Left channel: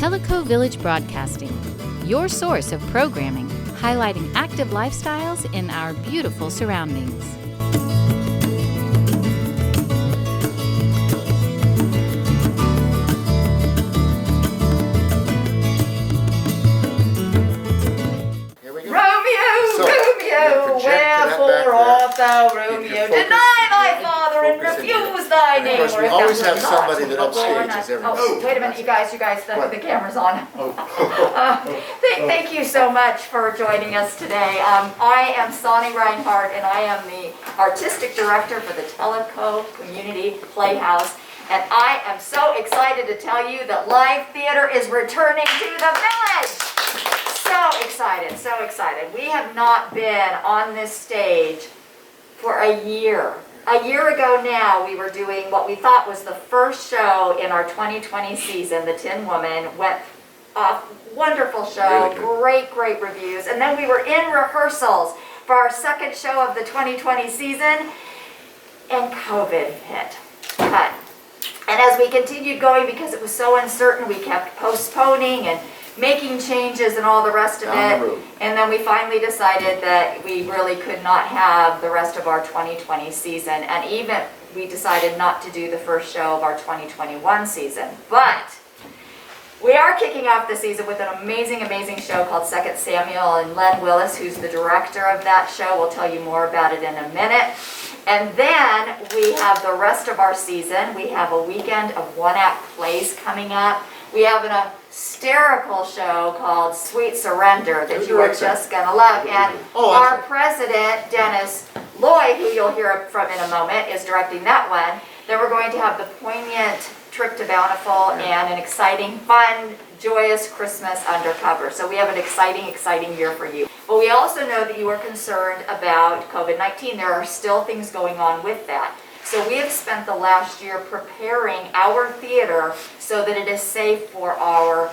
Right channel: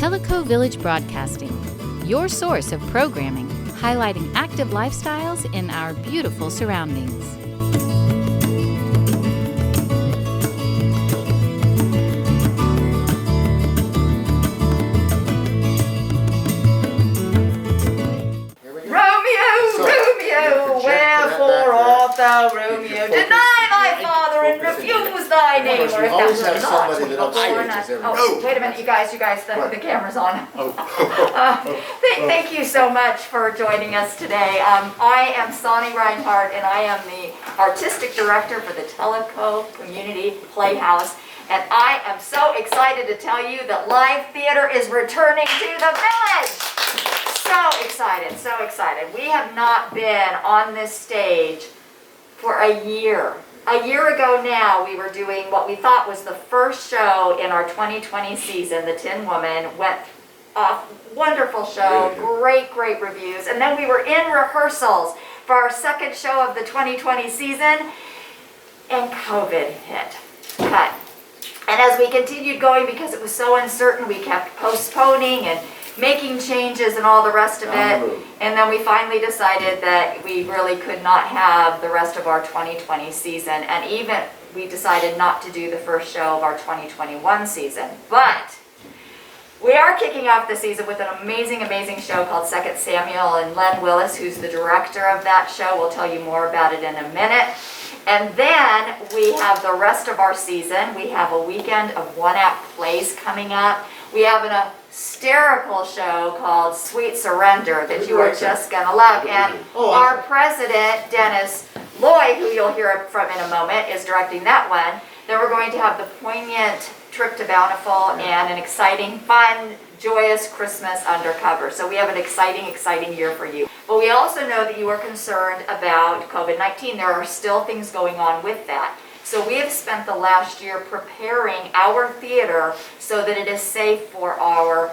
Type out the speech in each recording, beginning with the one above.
Tellico Village Broadcasting, your source of programming highlighting active lifestyles in our beautiful surroundings. Wherefore art thou, Romeo? Deny thy father and refuse thy name. We always have somebody that upstages everything. Oh, wait a minute, you guys, the camera's on. Thank you so much for joining us today. I am Sonny Reinhardt, and I am the artistic director for the Tellico Community Playhouse. And I am so excited to tell you that live theater is returning to the village. So excited, so excited. We have not been on this stage for a year. A year ago now, we were doing what we thought was the first show in our 2020 season, The Tin Woman. Went off, wonderful show, really great reviews. And then we were in rehearsals for our second show of the 2020 season, and COVID hit. Cut. And as we continued going, because it was so uncertain, we kept postponing and making changes and all the rest of it. And then we finally decided that we really could not have the rest of our 2020 season. And even we decided not to do the first show of our 2021 season. But we are kicking off the season with an amazing, amazing show called Second Samuel. And Len Willis, who's the director of that show, will tell you more about it in a minute. And then we have the rest of our season. We have a weekend of one-act plays coming up. We have an hysterical show called Sweet Surrender that you are just going to love. And our president, Dennis Lloyd, who you'll hear from in a moment, is directing that one. Then we're going to have the poignant trip to Bountiful and an exciting, fun, joyous Christmas undercover. So we have an exciting, exciting year for you. But we also know that you are concerned about COVID-19. There are still things going on with that. So we have spent the last year preparing our theater so that it is safe for our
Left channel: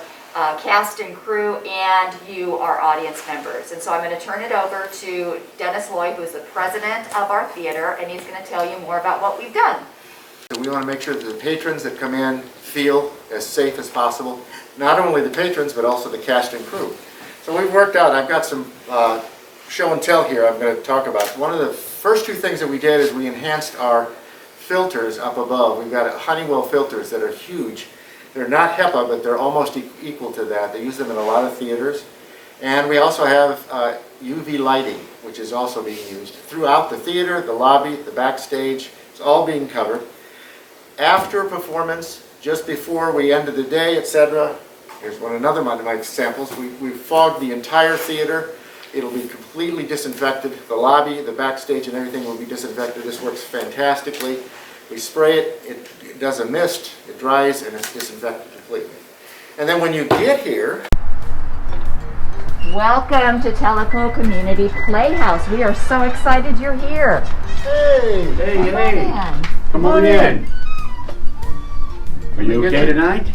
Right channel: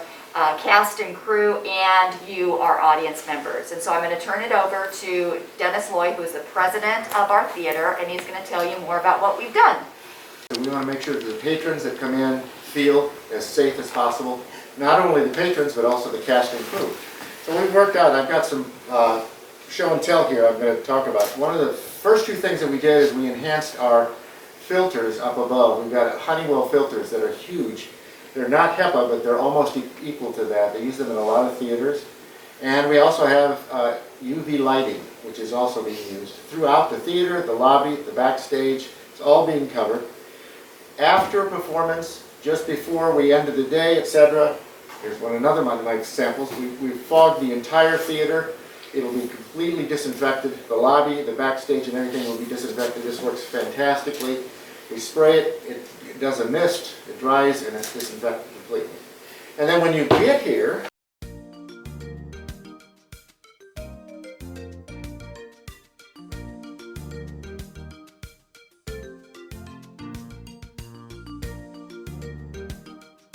cast and crew and you, our audience members. And so I'm going to turn it over to Dennis Lloyd, who is the president of our theater, and he's going to tell you more about what we've done. So we want to make sure that the patrons that come in feel as safe as possible. Not only the patrons, but also the cast and crew. So we've worked out, I've got some show and tell here I'm going to talk about. One of the first two things that we did is we enhanced our filters up above. We've got Honeywell filters that are huge. They're not HEPA, but they're almost equal to that. They use them in a lot of theaters. And we also have UV lighting, which is also being used throughout the theater, the lobby, the backstage. It's all being covered. After performance, just before we end of the day, etc. Here's another one of my samples. We've fogged the entire theater. It'll be completely disinfected. The lobby, the backstage, and everything will be disinfected. This works fantastically. We spray it, it does a mist, it dries, and it's disinfected completely. And then when you get here... Welcome to Tellico Community Playhouse. We are so excited you're here. Hey! Come on in. Are you okay tonight?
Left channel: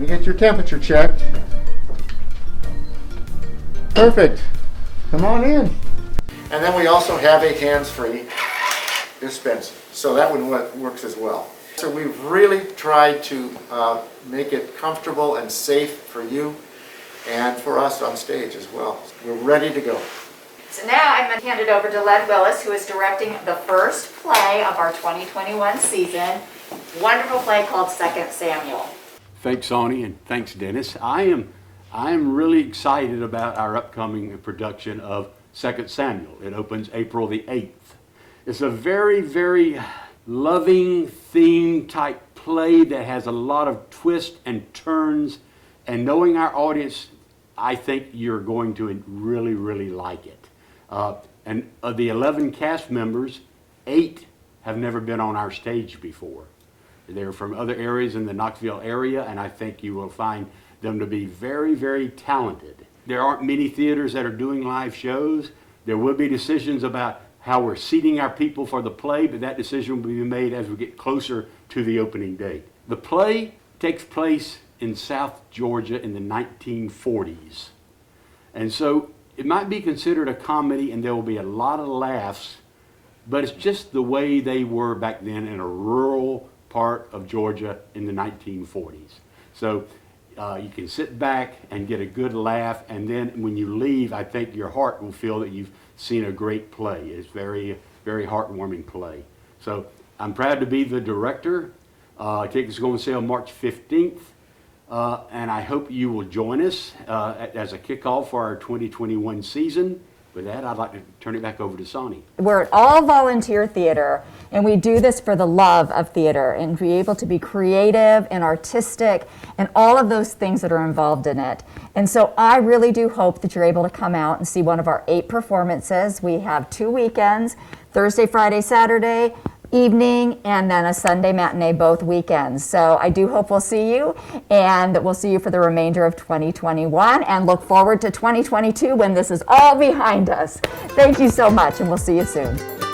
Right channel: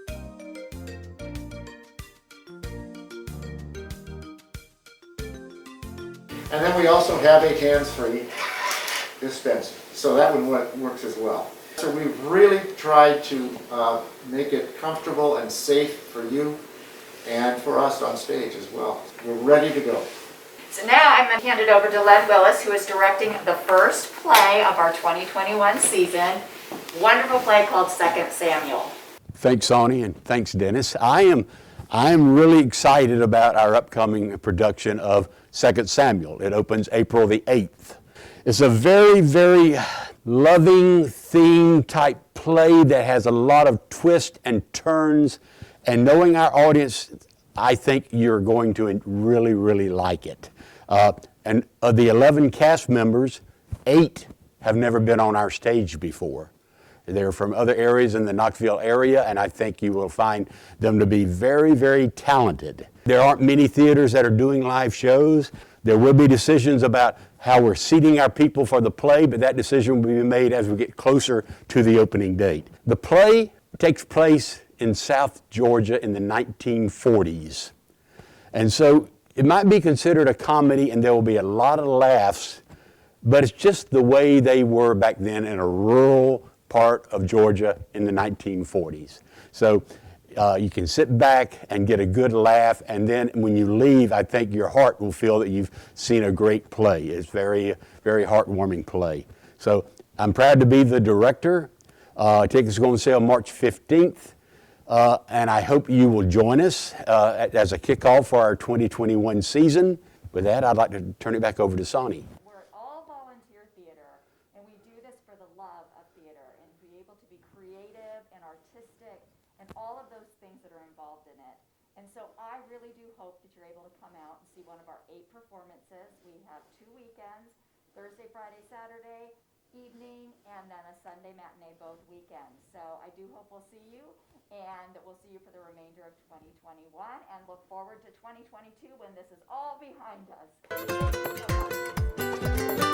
We get your temperature checked. Perfect. Come on in. And then we also have a hands-free dispenser. So that one works as well. So we've really tried to make it comfortable and safe for you and for us on stage as well. We're ready to go. So now I'm going to hand it over to Len Willis, who is directing the first play of our 2021 season. Wonderful play called Second Samuel. Thanks, Sonny, and thanks, Dennis. I am really excited about our upcoming production of Second Samuel. It opens April the 8th. It's a very, very loving theme type play that has a lot of twists and turns. And knowing our audience, I think you're going to really, really like it. And of the 11 cast members, 8 have never been on our stage before. They're from other areas in the Knoxville area, and I think you will find them to be very, very talented. There aren't many theaters that are doing live shows. There will be decisions about how we're seating our people for the play, but that decision will be made as we get closer to the opening date. The play takes place in South Georgia in the 1940s. And so it might be considered a comedy, and there will be a lot of laughs, but it's just the way they were back then in a rural part of Georgia in the 1940s. So You can sit back and get a good laugh, and then when you leave, I think your heart will feel that you've seen a great play. It's very, very heartwarming play. So I'm proud to be the director. Tickets are going on sale March 15th, and I hope you will join us as a kickoff for our 2021 season. With that, I'd like to turn it back over to Sonny. We're an all-volunteer theater, and we do this for the love of theater and be able to be creative and artistic and all of those things that are involved in it. And so I really do hope that you're able to come out and see one of our 8 performances. We have 2 weekends, Thursday, Friday, Saturday evening, and then a Sunday matinee both weekends. So I do hope we'll see you, and we'll see you for the remainder of 2021, and look forward to 2022 when this is all behind us. Thank you so much, and we'll see you soon.